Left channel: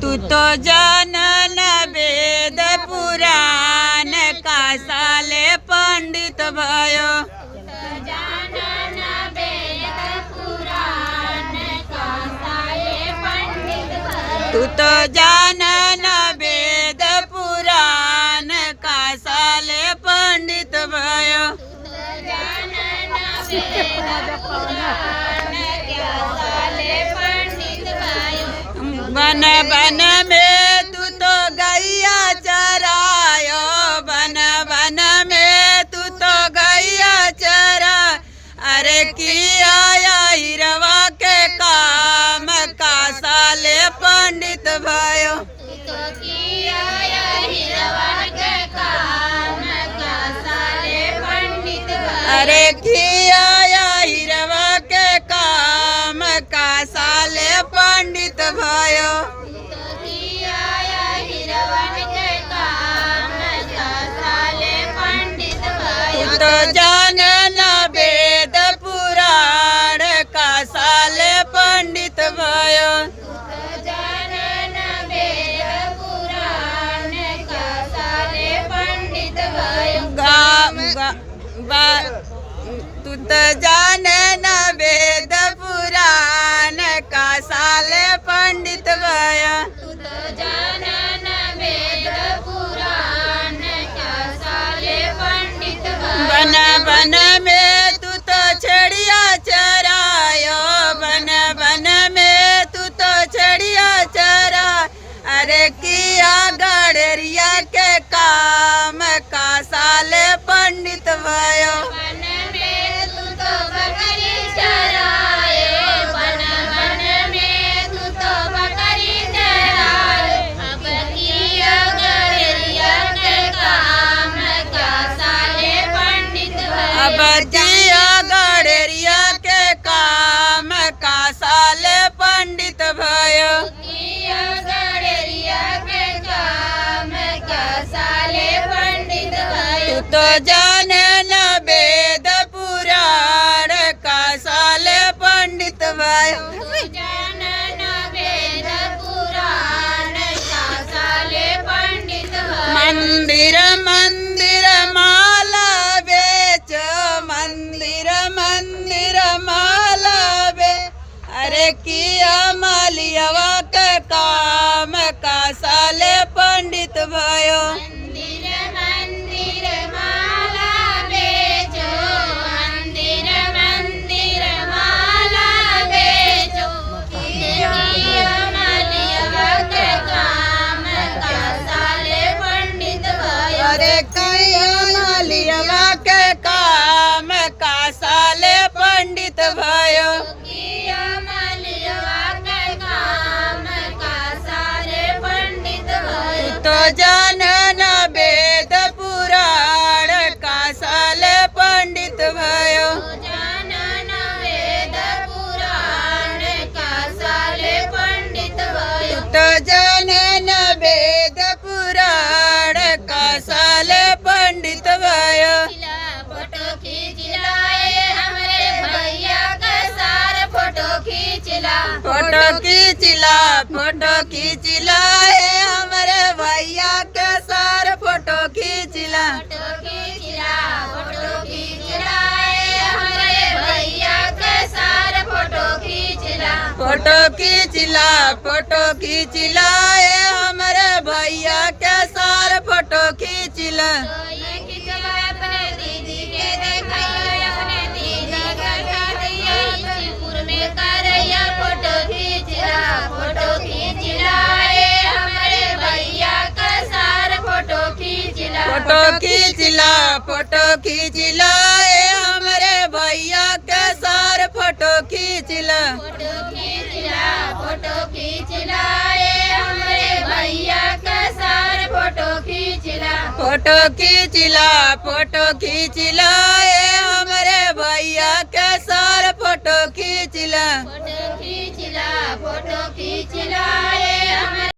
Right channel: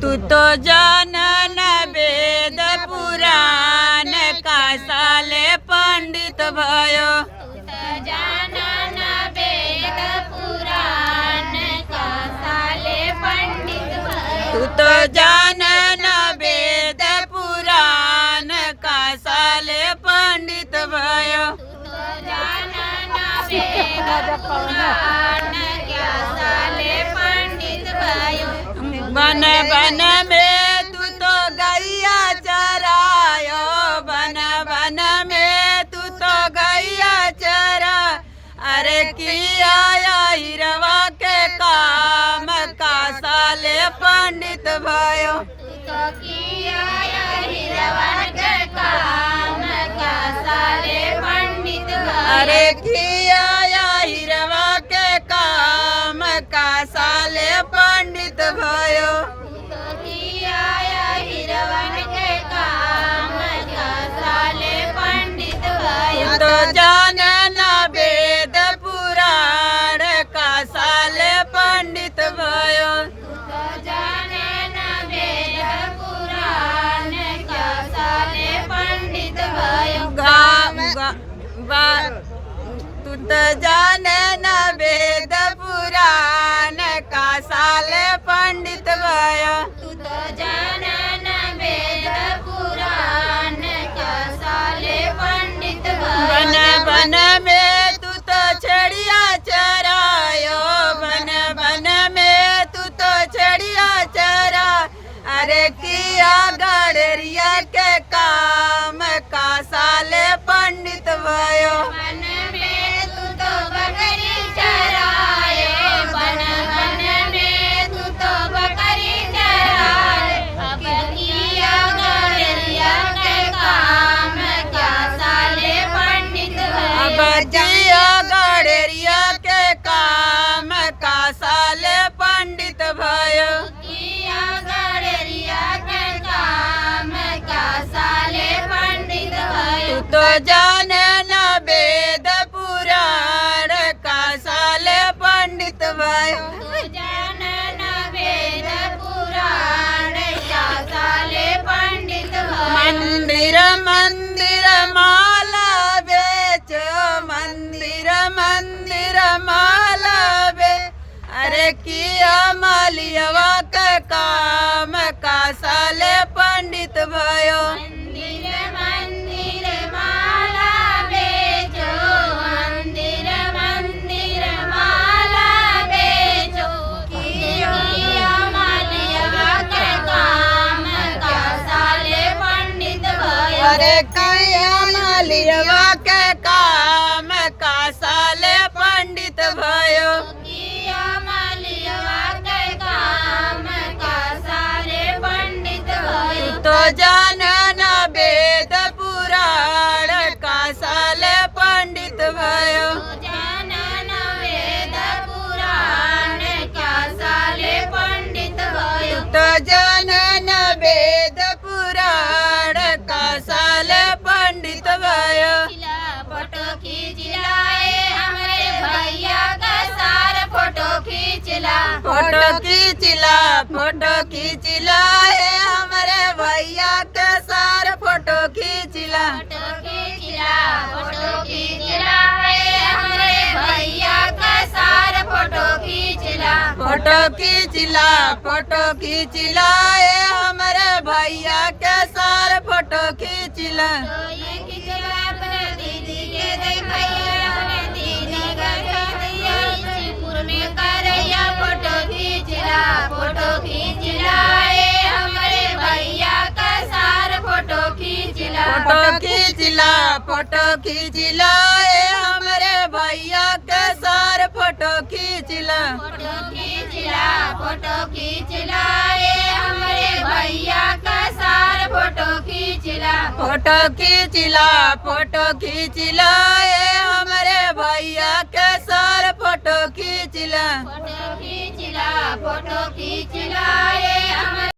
तू तो जानन वेद पुराण का साले पंडित भयो। तू तो जानन वेद पुराण का साले पंडित भयो। बन बन में तू तो गैया चरायो, बन बन में तू तो गैया चरा। अरे किया हिरवा के काम का साले पंडित भयो। अरे किया हिरवा के काम का साले पंडित भयो। तू तो जानन वेद पुराण का साले पंडित भयो। तू तो जानन वेद पुराण का साले पंडित भयो। बन बन में तू तो छड़िया चरायो, बन बन में तू तो छड़िया चरा। अरे किया गड़रिया के काम का साले पंडित भयो। बजिया गड़रिया के काम का साले पंडित भयो। तू तो जानन वेद पुराण का साले पंडित भयो। मंदिर मंदिर माला बेचो, मंदिर मंदिर माला बे। अरे किया मालियवा के काम का साले पंडित भयो। अरे किया मालियवा के काम का साले पंडित भयो। तू तो जानन वेद पुराण का साले पंडित भयो। तू तो जानन वेद पुराण का साले पंडित भयो। फोटो खींच लाए हमारे भैया के सारे फोटो खींच ला। फोटो खींच ला, फोटो खींच लाए हमारे भैया के सारे फोटो खींच ला। फोटो खींच लाए हमारे भैया के सारे फोटो खींच ला। फोटो खींच ला, फोटो खींच लाए हमारे भैया के सारे फोटो खींच ला। दीदी के देखैया अपने दीदी का दिया शिवपुर में करैया। फोटो खींच ला, फोटो खींच लाए हमारे भैया के सारे फोटो खींच ला। फोटो खींच ला, फोटो खींच लाए हमारे भैया के सारे फोटो खींच ला। फोटो खींच ला, फोटो खींच लाए हमारे भैया के सारे फोटो खींच ला। फोटो खींच ला, फोटो खींच लाए हमारे भैया के सारे फोटो खींच ला। फोटो खींच ला, फोटो खींच लाए हमारे